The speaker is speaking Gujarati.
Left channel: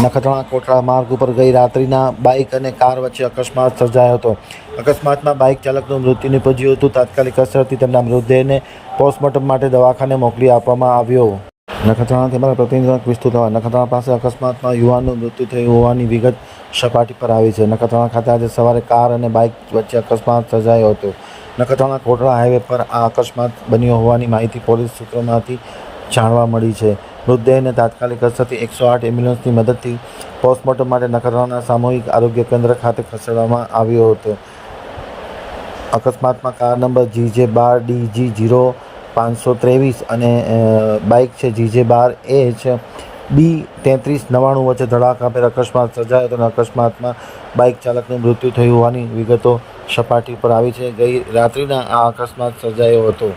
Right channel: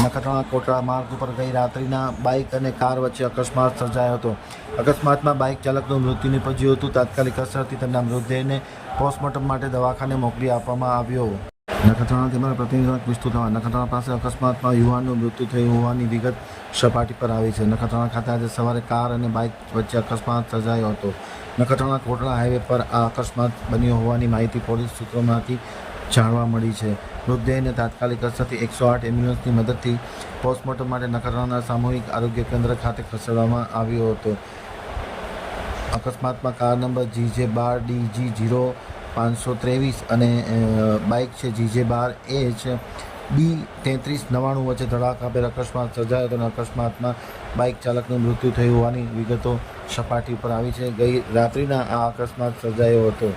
નખત્રાણા કોટડા માર્ગ ઉપર ગઈ રાત્રિના બાઇક અને કાર વચ્ચે અકસ્માત સર્જાયો હતો. અકસ્માતમાં બાઇક ચાલકનું મૃત્યુ નિપજ્યું હતું. તાત્કાલિક અસરથી તેમના મૃતદેહને પોસ્ટમોર્ટમ માટે દવાખાને મોકલી આપવામાં આવ્યો. નખત્રાણા તેમના પ્રતિનિધિ વિસ્તૃત થવા. નખત્રાણા પાસે અકસ્માતમાં યુવાનનું મૃત્યુ થયું હોવાની વિગત સપાટી પર આવી છે. નખત્રાણા ખાતે આજે સવારે કાર અને બાઇક વચ્ચે અકસ્માત સર્જાયો હતો. નખત્રાણા કોટડા હાઈવે પર આ અકસ્માત બન્યો હોવાની માહિતી પોલીસ સૂત્રોમાંથી જાણવા મળી છે. મૃતદેહને તાત્કાલિક અસરથી એકસો આઠ એમ્બ્યુલન્સની મદદથી પોસ્ટમોર્ટમ માટે નખત્રાણા સામૂહિક આરોગ્ય કેન્દ્ર ખાતે ખસેડવામાં આવ્યો હતો. અકસ્માતમાં કાર નંબર જીજે બાર ડીજી જીરો પાંચસો ત્રેવીસ અને બાઇક છે જીજે બાર એચ બી તેત્રીસ નવ્વાણું વચ્ચે ધડાકાભેર અકસ્માત સર્જાયો હતો અને અકસ્માતમાં બાઇક ચાલકનું મૃત્યુ થયું હોવાની વિગતો સપાટી પર આવી છે. ગઈ રાત્રિના આ અકસ્માત સર્જાયો હતો.